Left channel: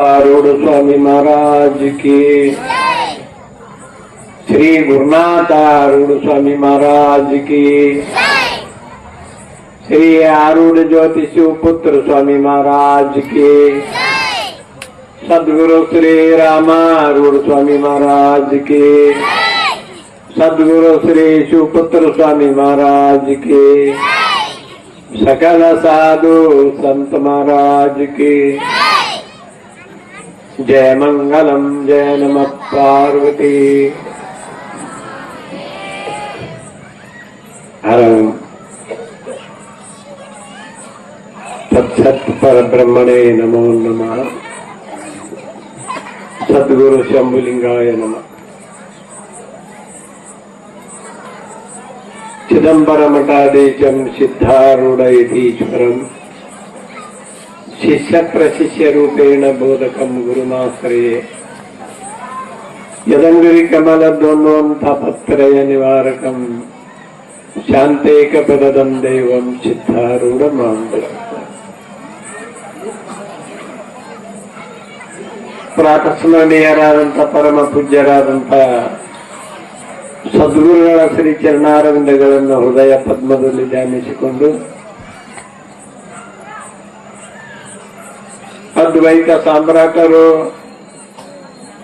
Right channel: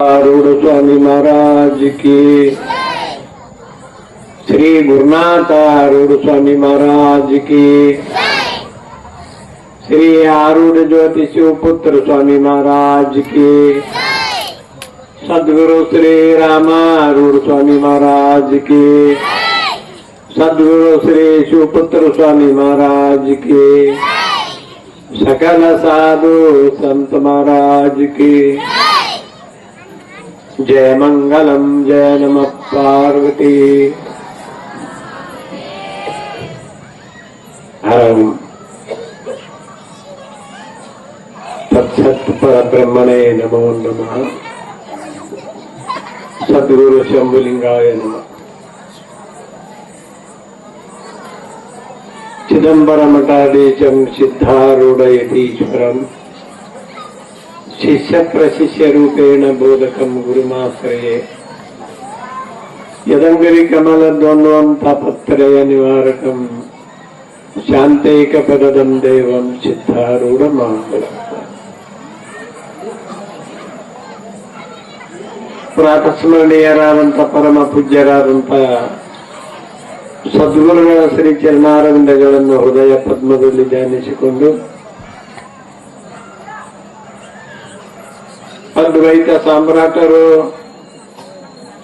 आरूढ़ स्वामी महाराज की। श्री गुरुनाथ आरूढ़ स्वामी महाराज की। श्री आरूढ़ ज्योति शिवपुत्र स्वामी महाराज की। सदगुरु श्री रामारूढ़ स्वामी महाराज की। सदगुरु श्री शिवपुत्र स्वामी महाराज की। सकल साधु संत महाराज की। जय मंगलम जय नम पार्वती हरम तत्सत पर ब्रह्मणे नमो नमः सद्गुरु शंभुलिंगाय नमः శిష్య ప్రశిష్య రూపేణ బోధకం గురుమాశ్రయే. యదంగరి కమల ద్వంద్వంతపత్రయ నివారకం శాంతేక ప్రదం దైవం చిత్తారూఢమాంగులం. ಪ್ರಾತಸ್ಮರಣೀಯರಾದಂಥ ಪರಮ ಪೂಜ್ಯರಾದಂಥ ಸದ್ಗುರುಗಳ ಶ್ರೀ చరణారవిందగలను ಹೃದಯ ಪದ್ಮದಲ್ಲಿ ಧ್ಯಾನಿಸಿಕೊಂಡು ಅದ್ವೈತ ಸಾಮ್ರಾಟರು,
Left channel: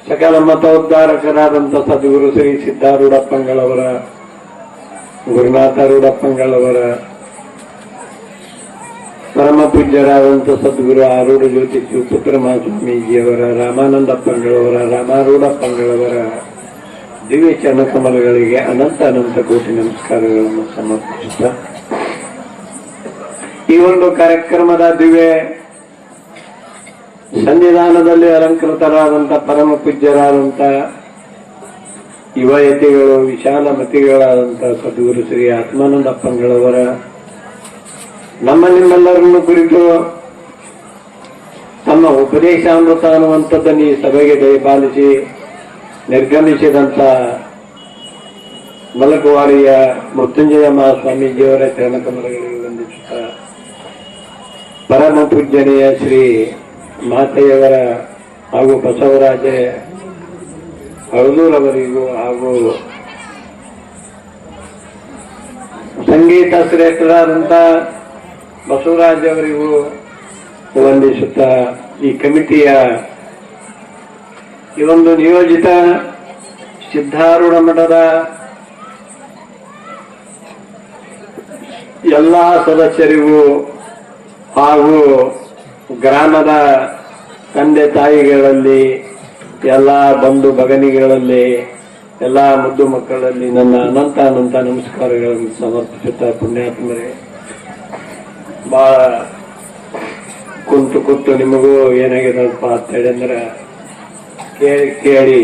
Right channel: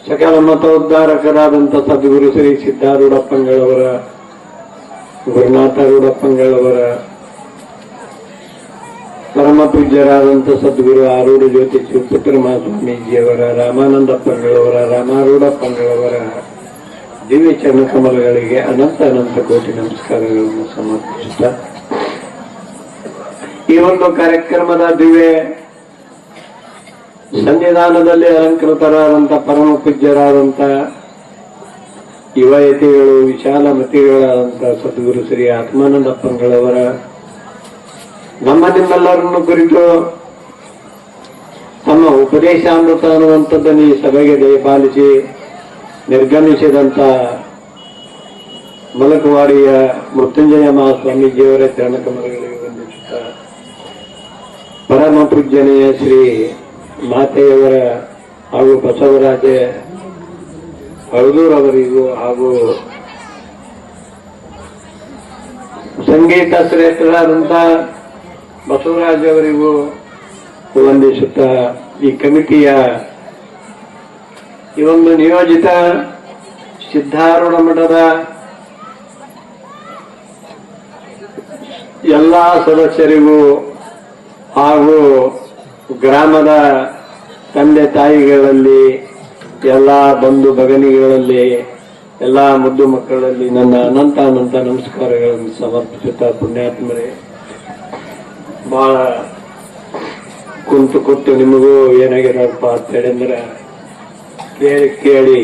ಸಕಲ ಮತೋದ್ಧಾರಕರಾದಂಥ ಸದ್ಗುರು ಶ್ರೀ ಸಿದ್ಧಾರೂಢಪ್ಪಂಗಳವರ ಗುರುನಾಥ ರೂಢಪ್ಪಂಗಳವರ ಪರಮ ಪೂಜ್ಯರಾದಂಥ ಸದ್ಗುರು ಆರೂಢ ಜ್ಯೋತಿ ಮಹಾಸ್ವಾಮೀಜಿಯವರ ರಾಮಾನಂದಪ್ಪಂಗಳವರ ರಾಮಾರೂಢಪ್ಪಂಗಳವರ ದಿವ್ಯ ಚರಣಕಮಲಗಳಿಗೆ ಅನಂತ ಅನಂತ ಕೋಟಿ ನಮಸ್ಕಾರಗಳನ್ನು ಸಮರ್ಪಿಸುತ್ತ. ಈ ಒಂದು ಕಾರ್ಯಕ್ರಮದ ದಿವ್ಯ ಸನ್ನಿಧಾನದಲ್ಲಿ ಅಲಂಕೃತರಾದಂತ ಪರಮ ಪೂಜ್ಯರಾದಂಥ ಯುವಯತಿಗಳು ವಿಶಾಲ ಮತಿಗಳಾದಂಥ ಸದ್ಗುರು ಶ್ರೀ ಆತ್ಮಾನಂದಪ್ಪಂಗಳವರ ನಮ್ಮ ನಿಮ್ಮೆಲ್ಲರನ್ನು ಕುರಿತು ತಮ್ಮ ಉಪದೇಶಾಮೃತ ಅನ್ನುವಂಥದ್ದನ್ನು ಈ ಸಭೆಗೆ ದಯಪಾಲಿಸಿ ನಿರ್ಗಮಿಸಿದಂಥ ಮಲಕವಾಡಿಯ ಮೃತ್ಯುಂಜಯ ಮಹಾಸ್ವಾಮೀಜಿಯವರ ಚರಣಕಮಲಗಳಿಗೆ ವಂದಿಸುತ್ತಾ, ಪರಮ ಪೂಜ್ಯನೆಯ ಶ್ರೀ ಮಾತೆಯವರ ಹಾಗೂ ಬಸವರಾಜೆ ಅಳದೂರವರಿಗೂ ಹಾಗೂ ಸಂಗೀತ ಶ್ರೇಷ್ಠರಾದಂಥ ಬಸವರಾಜ್ ಅವರಿಗೂ ವಂದಿಸುತ್ತಾ ಈ ಕಮಿಟಿಯ ಈ ಒಂದು ನಿಯೋಜಿತ ಸಿದ್ಧಾರೂಢ ಮಠದ ಎಲ್ಲ ಸದಸ್ಯರಿಗೂ ಹಾಗೂ ಗ್ರಾಮದ ತಂದೆ ತಾಯಿಗಳಲ್ಲಿ, ಎಲ್ಲ ಬಂಧು ಭಗನಿಗಳಲ್ಲಿ, ಎಲ್ಲ ಮುದ್ದು ಮಕ್ಕಳಲ್ಲಿ ನನ್ನ ಅನಂತ ಅನಂತ ನಮಸ್ಕಾರಗಳನ್ನು ಸಮರ್ಪಿಸುತ್ತಾ ಪುಣ್ಯಾತ್ಮರೇ. ಬಹಳ ಕುಂತು ಕುಂತು ನಿಮಗೂ ಏನಾಗಿದಪ್ಪ ಅಂತ ಹೇಳಿದ್ರೆ, ಕೇಳಿ ಕೇಳಿ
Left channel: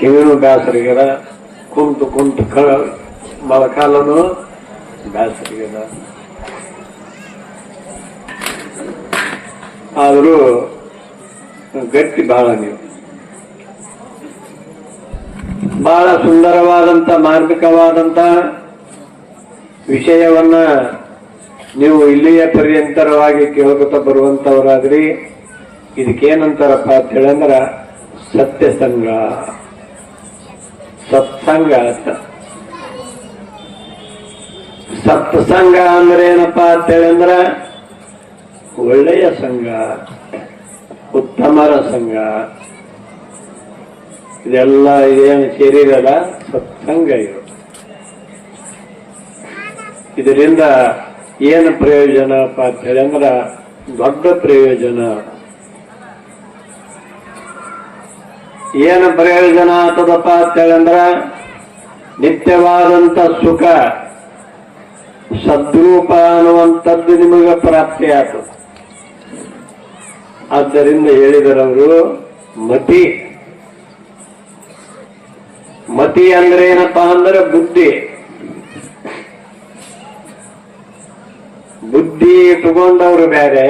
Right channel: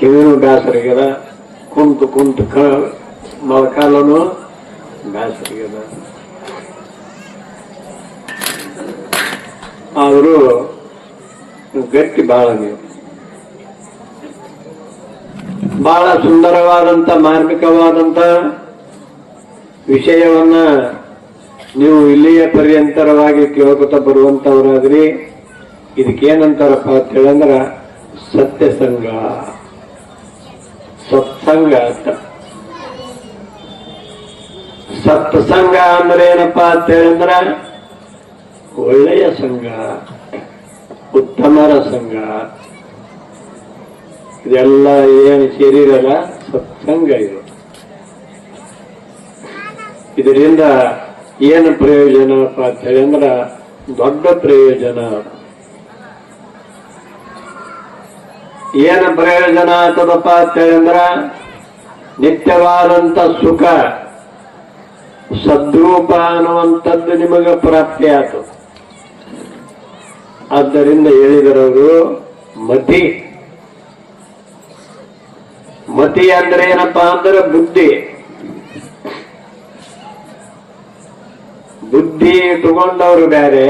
ಕಿವಿನೂ ಬೇಸರಿಗದ ಕುಂತು ಕುಂತು ಕ ಮೊಳಕಾಲನು ಆದರೂ ಗಟ್ಟಿ ಬಹಳ ನೀವು. ಬಹಳ ಸುಂದರವಾದಂತ ಮಾರ್ಮಿಕವಾದಂತ ವಿಷಯವನ್ನ ನೀವು ಇಲ್ಲಿಯ ಪರ್ಯಂತರವಾಗಿ ಕೇಳ್ಕೊತ ಬರುವಂತವರಾದ್ರಿ ಇದಕ್ಕೇನಂತಾರಪ್ಪ ಅಂತ ಹೇಳಂದ್ರ, ಸತ್ಯಸಂಗ. ಸತ್ಸಂಗ ಅಂತ. ಸತ್ಸಂಗ ಅಂದ್ರೆ ಏನಪ್ಪಾ ಅಂತ ಹೇಳಂದ್ರ ಒಳ್ಳೆಯ ಸಂಘ, ಉತ್ತಮರ ಸಂಘ. ಇದೆಲ್ಲ ಏನು ಸೇರಿರಲ್ಲ ಸತ್ಸಂಗ ಇದು. ಇದರಿಂದ ಏನು ಪ್ರಯೋಜನ ಅಂತ ಹೇಳಿ ಅಂದ್ರ ದೊಡ್ಡ ಪ್ರಯೋಜನ. ಏನು ಪ್ರಯೋಜನ ಆಗ್ತದಪ್ಪ ಅಂತ ಹೇಳಂದ್ರ ನಿತ್ಯವಾದಂತ ಸುಖ. ಸದ್ರೂಪ ಅನ್ನುವಂಥದ್ದು ನಿಮಗೆ ಪ್ರಾಪ್ತಿ ಆಯ್ತು ಆದ್ದರಿಂದ ಹೇಳಿದರವರು ಮತಿ. ಮತಿ ಅಂದ್ರೆ ಏನಪ್ಪಾ ಅಂದ್ರೆ ಬುದ್ಧಿ. ಬುದ್ಧಿ ಇಟ್ಟುಕೊಂಡವರು ಬೇರೆ,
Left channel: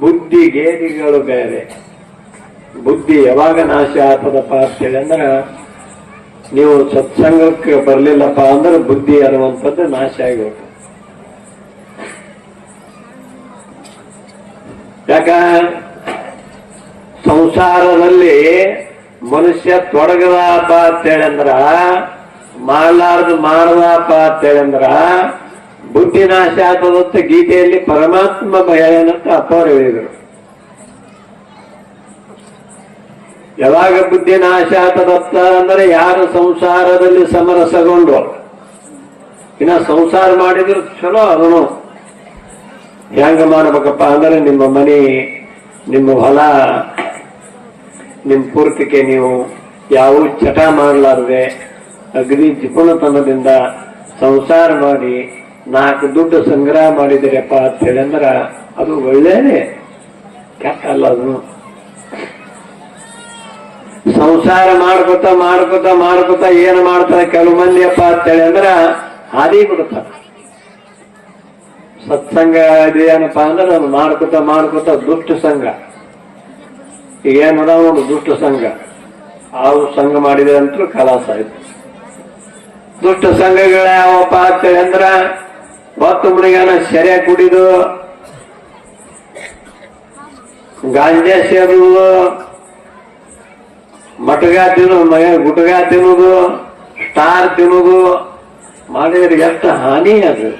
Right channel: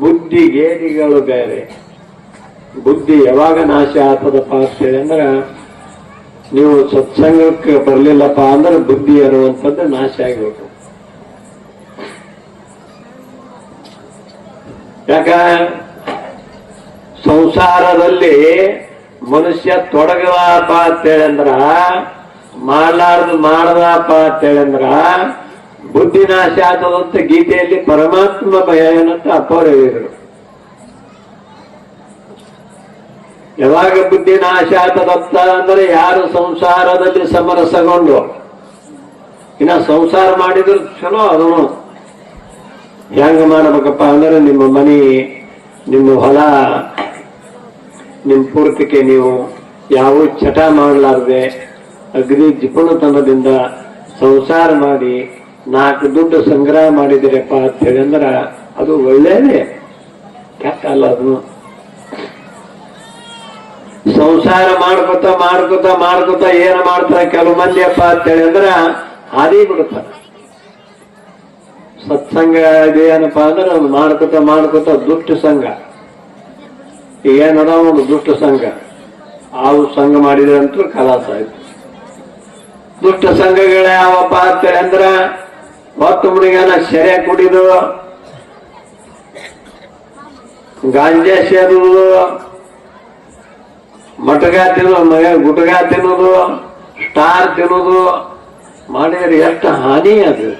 ಬುದ್ಧಿ ಗೇದಿಗಳು ಬೇರೆ. ಬುದ್ಧಿ ಯಾವಾಗ ನಾಶ ಆಗ್ತದಪ್ಪ ಅಂತ ಹೇಳಿ ಅಂದ್ರ, ನೀವು ಸತ್ಸಂಗಕ್ಕೆ ಬರಲಿಲ್ಲಪ್ಪ ಅಂದ್ರೆ ಬುದ್ಧಿ ಅನ್ನುವಂಥದ್ದು ನಾಶ ಆಗಿಬಿಟ್ಟು ಯಾಕ ಸಂಸಾರದಲ್ಲಿ ಮನುಷ್ಯ ತೊಡಗದಪ್ಪ ಅಂತೇಳಂದ್ರ ಮಾಡಲಾರ್ದು ಮಾಡದಪ್ಪ ಅಂತೇಳಂದ್ರ ಬುದ್ಧಿ ನಾಶ ಆದಂತ ಗೀತೆಯಲ್ಲಿ ಪರಮಾತ್ಮ ಭಯನಂತ ಅಪ್ಪರು ಹೇಳಿದರು. ಯಾವಾಗ ಬುದ್ಧಿ ನಾಶ ಆತದತ್ತ ಅಂದ್ರೆ ಯಾರು ಸಂಸಾರದಲ್ಲಿ ಸಮರಸಗೊಂಡು ಇನ್ನ ಸಂಸಾರ ಮಾಡಿದ್ರು ಚಲೋ ಅದನ್ನು ಹೆಂಗ ಮಾಡ್ಬೇಕಪ್ಪ ಅಂದ್ರೆ ನಿಮ್ಮ ಮನಿ, ನಿಮ್ಮ ಹೊಲ, ನಿಮ್ಮ ಪೂರ್ತಿಕೆ ನೀವು ಯಾವ ಚಟ ಮಾಡಲಾರ್ದೆ ಅಗ್ನಿ ಜಿಪುಣತನದಿಂದ ಸಂಸಾರ ಮಾಡಿ ನಾಲ್ಕು ದುಡ್ಡು ಸಂಗ್ರಹ ಮಾಡಿದಿರಪ್ಪ ಅಂತ ಹೇಳಿಂದ್ರ ಅದು ಒಳ್ಳೇದೇ. ಕೆಟ್ಟ ಅಲ್ಲ ಅದು. ಸಂಸಾರ ಮಾಡ್ಕೊತ ಮಾಡ್ಕೊತ ಮಾಡ್ಕೊತ ಏನು ಮಾಡ್ತಾರೆ? ಕೆಲವು ಮಂದಿಯಪ್ಪ ಅಂತೇಳಿ ಅಂದ್ರ ಹಾದಿ ಬಿಡ್ತಾರೆ ಸತ್ಸಂಗ ಇದೇನಪ್ಪ ಅಂದ್ರೆ ಅದು ಮಾಡ್ಕೊತ ಮಾಡ್ಕೊತ ದುಷ್ಟ ಸಂಘ. ಏನದ ಒಂದು ದುಷ್ಟ ಸಂಘ. ಅವು ಸಂಘ ಮಾಡಿದ್ರೆ ಅಂತೂ ಕಲಾಸ ಆಯ್ತು ದುಷ್ಟ ಸಂಘಗಳ ಯಾವಪ್ಪ ಅಂತೇಳಿ ಅಂದ್ರೆ ಹೊತ್ತು ಮುಡಿಗಾನ ಸೆರೆ ಕುಡಿದು, ಗಾಂಜಾ ಸೇರುವುದು ಮಟಗ ತಿನ್ನೋದು ಗುಟಗ ತಿನ್ನೋದು ಸ್ಟಾರ್ ತಿನ್ನೋದು ಮಾಡಿದ್ರೆ ಎಷ್ಟು ಹಾನಿ ಅದು.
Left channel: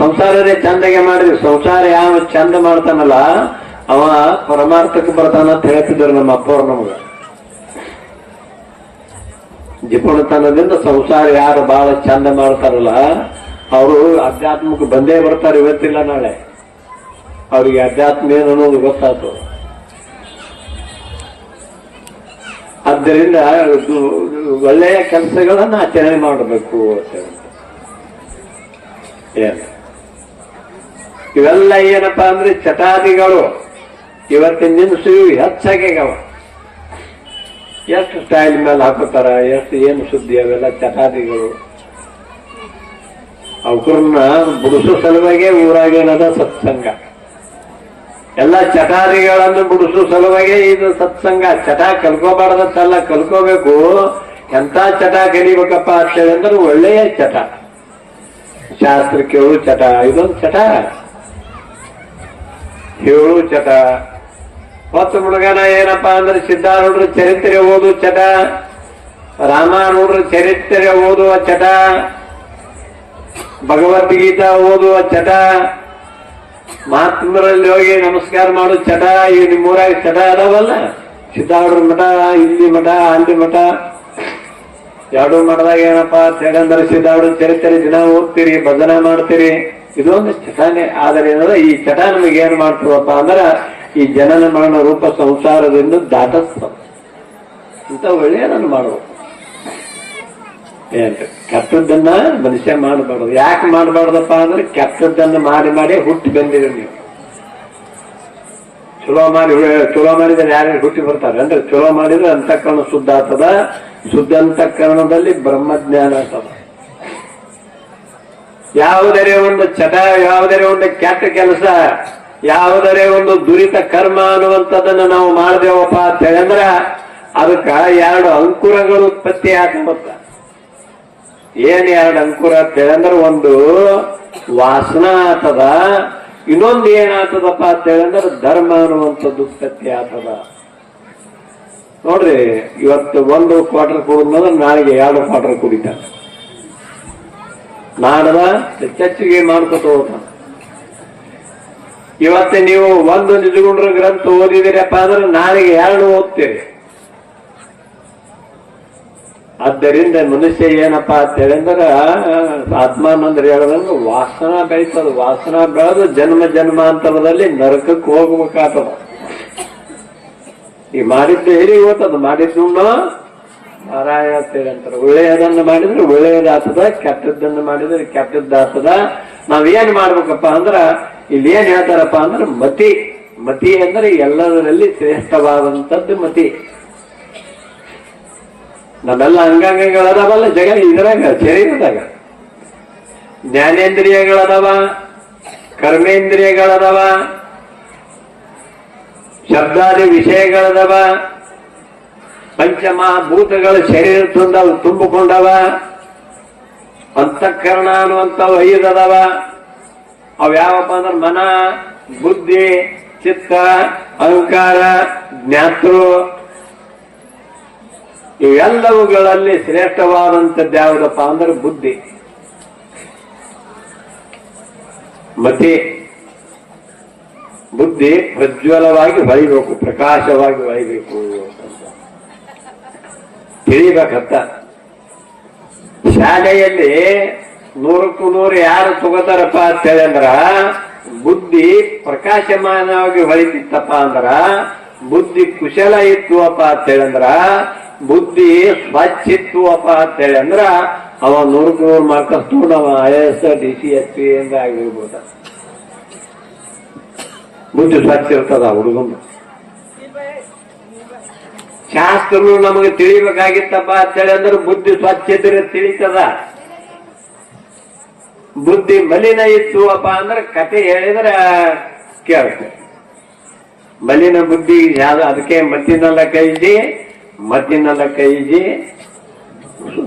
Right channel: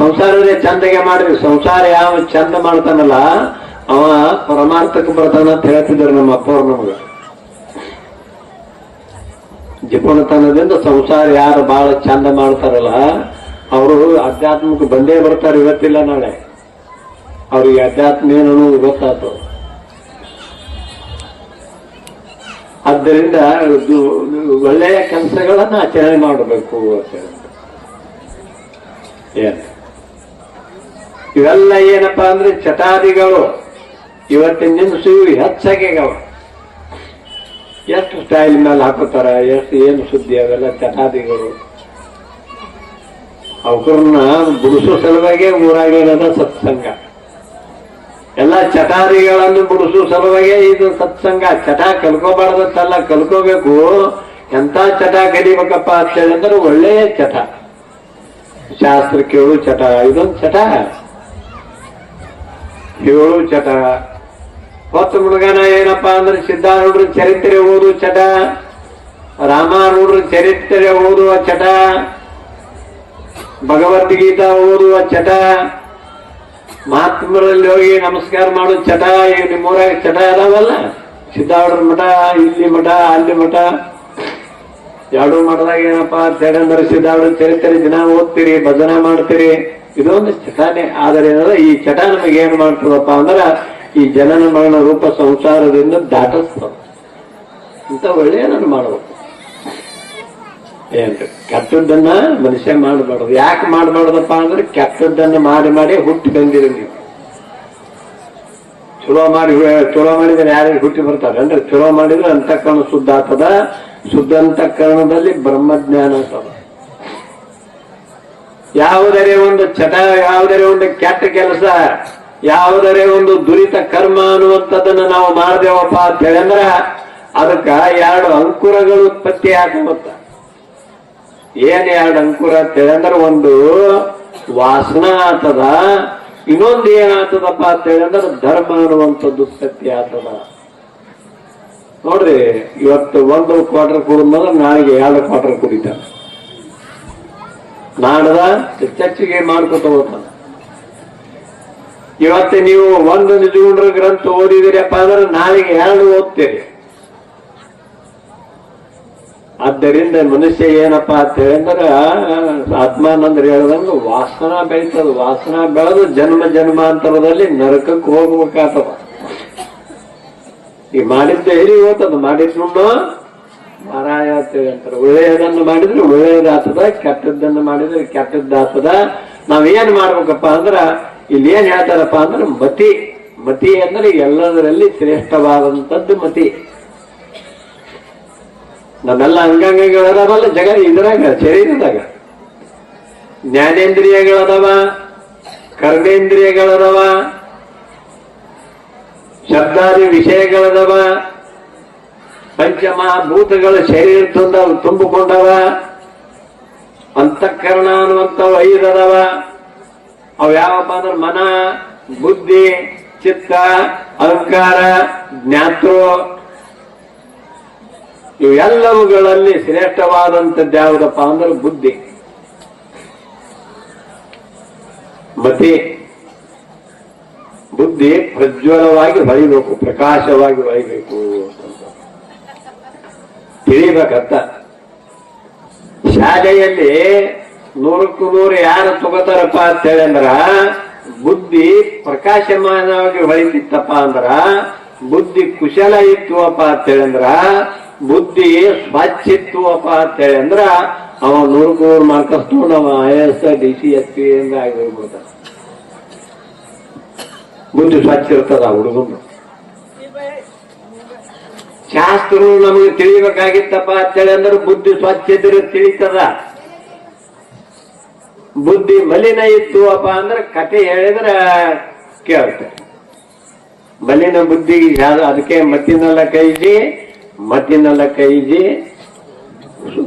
ಸಂಸಾರನೇ ಚಂದಗೆ ಮಾಡಿದ್ವಿ ಸಂಸಾರ ಯಾವ ಚಂದ ಮಾಡ್ತಾನಲ್ಲ, ಅವ ಪರಮಾರ್ಥಕ್ಕೆ ಬರ್ತಾನ ಅಂತ ಹೇಳ್ತಿದ್ರು ನಮ್ಮ ಅಪ್ಪವ್ರು ನಮ್ಗೆ. ಜಿಪುಣತನದಿಂದ ಸಂಸಾರ ಯಾರು ಬಹಳ ಚಂದ ಮಾಡ್ತಾರಲ್ಲ, ಅವರು ಅಧ್ಯಾತ್ಮಕ್ಕೆ ಬಂದೇ ಬರ್ತಾರೆ ಇವತ್ತಿಲ್ಲ ನಾಳೆ. ಅವ್ರಿಗೆ ಅಧ್ಯಾತ್ಮ ಏನು ಅನ್ನೋದು ಗೊತ್ತಾಯ್ತು ಆದ್ದರಿಂದ ಒಳ್ಳೆಯ ಕೆಲಸಗಳನ್ನ ಆಚರಣೆ ಮಾಡಬೇಕು ಅಂತ. ಏನು? ಇವೆಲ್ಲ ಏನಪ್ಪಾ ಅಂದ್ರೆ ಚಟಾದಿಗಳು ಇವತ್ತಿನ ನಿಮಿಷ ಹೆಚ್ಚಾಗ್ಯಾವ. ಎಷ್ಟು ಸ್ಟೈಲ್ ಮೇಲೆ ಹಾಕೋತಾರ ಎಷ್ಟು ಏನು ಸುದ್ದಿ ಅವೆಲ್ಲ ಚಟಾದಿಗಳು ಅವಕರನ್ನ ಬಿಡಿಸೋ ಸಲುವಾಗಿ ಊರಾಗೇನದ ಸತ್ಸಂಗ. ಎಲ್ಲ ಚಟಾದಿಗಳನ್ನು ಬಿಡಿಸೋ ಸಲುವಾಗಿ ಇದು ಸತ್ಸಂಗ. ಚಟ ಕಲ್ಕೋಬಾರ್ದತ್ತಲ್ಲ ಕಲ್ಕೋಬೇಕು. ಎಂತ ಚಟ ಕಲಿಬೇಕಪ್ಪ ಅಂತ ಹೇಳಿದ್ರೆ ಒಳ್ಳೆಯ ಚಟ ಶಾಸ್ತ್ರ ಕೇಳು ಚಟ ಇದೊಂದು ಚಟ ಹೇಳು ಚಟ. ಹೊತ್ತು ಮುಳುಗನ ಏನಪ್ಪ ಅಂದ್ರೆ ಸಿದ್ಧಾರೂಢರ ಚರಿತ್ರೆ ಓದು ಚಟ. ರಾಮಾರೂಢರ ಚರಿತ್ರೆ ಓದುವ ಚಟ. ಭಗವದ್ಗೀತಾ ಓದುವ ಚಟ. ಮಹಾತ್ಮರಲ್ಲಿ ಹೋಗಿ ನಮಸ್ಕಾರ ಮಾಡು ಚಟ. ಈಗ ನಿಮ್ಮೂರಾಗ ಚಟ ಅದಾವಲ್ಲ? ಸಿದ್ಧಾರೂಢರ ಮಠ, ಇಲ್ಲಿ ಮಠ, ಅಲ್ಲಿ ಮಠ. ಎರಡು ಮಠದಾಗ ಏನಪ್ಪ ಅಂತ ಹೇಳಿದ್ರೆ ಸಿದ್ಧಾರೂಢ ಚರಿತ್ರೆ ದಿನ ಓದ್ತೀರಿ, ಭಜನೆ ಮಾಡ್ತೀರಿ. ಇದೊಂದು ಚಟಾನೆ. ಆದರೆ ಏನಂದ್ರೆ ಈ ಚಟ ನಮಗೆ ಏನ್ ಮಾಡ್ತದಪ್ಪ ಅಂದ್ರ ಈ ಜನನ ಮರಣ ರೂಪ ಸಂಸಾರದಿಂದ ದಾಟಸ್ತ. ಅಂತ ಒಳ್ಳೆಯದನ್ನು ಮಾಡಬೇಕು. ಏನ್ರಿ? ಕೆಟ್ಟದ್ದನ್ನ ಮನುಷ್ಯ ಮಾಡಬಾರ್ದು. ಯಾಕೆ ಮಾಡಬಾರ್ದಪ್ಪ ಅಂದ್ರೆ ಕೆಟ್ಟದ್ದನ್ನ ಮಾಡಿ ಮಾಡಿ ಹುಟ್ಟಿ ಬಂದಿರಿ ನೀವು. ಚಲೋ ಮಾಡಿ ಚಲೋ ಮಾಡಿದ್ರೆ ಯಾರು ಹುಟ್ಟಿ ಬರ್ತಾರೆ? ಅಂದ್ರೆ ಚಲೋ ಮಾಡಿದ್ರೆ ಅಂತಃಕರಣ ಶುದ್ಧ ಆಗ್ತದ. ಶುದ್ಧ ಅಂತಃಕರಣದಲ್ಲಿ ಬ್ರಹ್ಮಜ್ಞಾನ ಆಗ್ತದ. ಯಾವುದರೇ ಒಂದು ಚಟ, ಯಾವುದರೇ ಒಂದು ಕೆಟ್ಟ ಕೆಲಸ, ಯಾವುದರೇ ಒಂದು ದುರಿತ ಕರ್ಮ ಅನ್ನುವಂಥದ್ದನ್ನ ನಾವು ಮಾಡ್ದೇವಪ್ಪ ಅಂತ ಹೇಳಿದ್ರ ಅದಕ್ಕ ಎರಡು ಅಂಕುರಗಳು ಉತ್ಪತ್ತಿ ಆಗುತ್ತ ಏನ್ ಎರಡು ಅಂಕುರ ಅಂತ ಹೇಳಂದ್ರ ಒಂದು ವಾಸನ ಆತದ, ಇನ್ನೊಂದು ಏನಾಗ್ತದಪ್ಪ ಅಂತ ಹೇಳಂದ್ರ ಧರ್ಮ ಅನ್ನುವಂಥದ್ದು ಉತ್ಪತ್ತಿ ಆಗ್ತದ ನೋಡ್ರಿ, ಇವತ್ತು ಒಂದು ಕ್ವಾರ್ಟರ್ ಕುಡಿದ್ಮೇಲೆ ನಾಳೆಗೆ ಎರಡು ಕ್ವಾರ್ಟರ್ ಕುಡಿತಾನೆ ನಾಡದ ಚರ್ಚೆಗೆ ಮಾಡ್ಕೊತ ಹೋಗ್ತಾನೆ ಇವತ್ತು ನೀವು ಒಂದು ನಿಜಗುಂಡ್ರ ಗ್ರಂಥ ಓದಿದಿರಪ್ಪ ಅಂದ್ರೆ ನಾಳೆಗೆ ಎರಡು ಓದ್ತೀರಿ. ಆದ್ದರಿಂದ ಮನುಷ್ಯ ಏನಪ್ಪಾ ಆತ್ಮ ಆತ್ಮಾನಂದ್ರ ಹೇಳದಂದ್ರೆ ವಾಸನ ಬೆಳೀತದ. ವಾಸನ ಬೆಳೆದು ಜನ್ಮ ಜನ್ಮಾಂತರದಲ್ಲಿ ನರಕಕ್ಕೆ ಹೋಗ್ಬೇಕಾಗ್ತದ. ಈ ಮಾಡಿದ್ದು ಹೇಳಿ ಹೋಗ್ತದ ಮಾಡಿದ್ದು ನಾರಾಯಣ ಅಂತೇಳಿ ಅಂತಾರೆ. ಒಳ್ಳೆಯದನ್ನು ಮಾಡಿದ್ರೆ ಒಳ್ಳೆಯದಾಗ್ತದ ಕೆಟ್ಟದ್ದನ್ನು ಮಾಡಿದ್ರೆ ಕೆಟ್ಟದ್ದಾಗ್ತದ ನಾವೇನ್ ಮಾಡ್ಬೇಕಪ್ಪ ಅಂದ್ರ ಇಲ್ಲಿ ಏನ್ ಹೇಳ್ತಾರಪ್ಪ ಅಂದ್ರೆ ಮತಿ. ಮತಿ ಅಂದ್ರೆ ಎಲ್ಲದರಲ್ಲಿ ಶ್ರೇಷ್ಠವಾದಂತದ್ದು ಮತಿ. ನಮ್ಮೆಲ್ಲ ಅಂಗಾಂಗಗಳದಾವಲ್ಲ ಜಗ ಇದ್ರಾಗ, ಶರೀರದಾಗ. ಜ್ಞಾನೇಂದ್ರಿಯಗಳದವ, ಕರ್ಮೇಂದ್ರಿಯಗಳದವ, ಶಬ್ದಾದಿ ವಿಷಯಗಳದಾವ ಪಂಚಮಹಾಭೂತಗಳ ಶರೀರ ತಂದ ತುಂಬಿಕೊಂಡವ. ಅಂತಃಕರಣ ಅನ್ನುವಂಥವು ಐದದವ ಅವು ಯಾವಪ್ಪ ಅಂದ್ರೆ ಮನ, ಬುದ್ಧಿ, ಚಿತ್ತ, ಅಹಂಕಾರ, ಜ್ಞಾತೃ. ಇವೆಲ್ಲವುಗಳಲ್ಲಿ ಶ್ರೇಷ್ಠವಾದಂಥದ್ದು ಯಾವುದಪ್ಪ ಅಂದ್ರೆ ಬುದ್ಧಿ. ಮತಿ. ಬುದ್ಧಿ ಪ್ರಜ್ವಲವಾಗಿ ಹೊಳಿಬೇಕು ಪ್ರಕಾಶವಾಗಿ ಹೊಳಿಬೇಕು ತಿಳಿಬೇಕಂತ ಶಾಲೆಯಲ್ಲಿ ನೂರಕ್ಕೂ ನೂರು ಯಾರು ತಗೋತಾರಪ್ಪ ಅಂತ ಹೇಳಂದ್ರ ಬುದ್ಧಿ ಪ್ರಕಾಶಮಾನವಾಗಿ ಹೊಳಿತಿತ್ತಪ್ಪ ಅಂದ್ರ, ಬುದ್ಧಿ ಕುಶಲ ಇತ್ತುವಪ್ಪ ಅಂತ ಹೇಳಂದ್ರ ಬುದ್ಧಿ ಸ್ವಚ್ಛ ಇತ್ತುವಪ್ಪ ಅಂತ ಹೇಳಂದ್ರ ಅವ ನೂರಕ್ಕೂ ನೂರು ಮಾರ್ಕಸ್ ತಗೊಂಡು I S D C S P ಆಗಿರ್ಬೋದ. ಬುದ್ಧಿ ಸ್ವಚ್ಛ ಇರ್ತದ ಹುಡುಗನು ಶಾಸ್ತ್ರ ನಮಗೆ ತಿಳಿಬೇಕಾಗಿತ್ತಪ್ಪ ಅಂತೇಳಿ ಅಂದ್ರೆ ಬುದ್ಧಿ ಸ್ವಚ್ಛ ಇದ್ರೆ ತಿಳಿತದ. ಬುದ್ಧಿ ಮಲಿನ ಇತ್ತು ಅಪ್ಪ ಅಂದ್ರೆ ಕತೆ ಹೇಳಿದ್ರೆ ಕೇಳುತ್ತೆ ಮಲಿನ ಬುದ್ಧಿ ಯಾವ್ದು? ಅದಕ್ಕೆ ಮತ್ತಿನೆಲ್ಲ ಕೈಜಿ ಮತ್ತಿನೆಲ್ಲ ಕೈಜಿ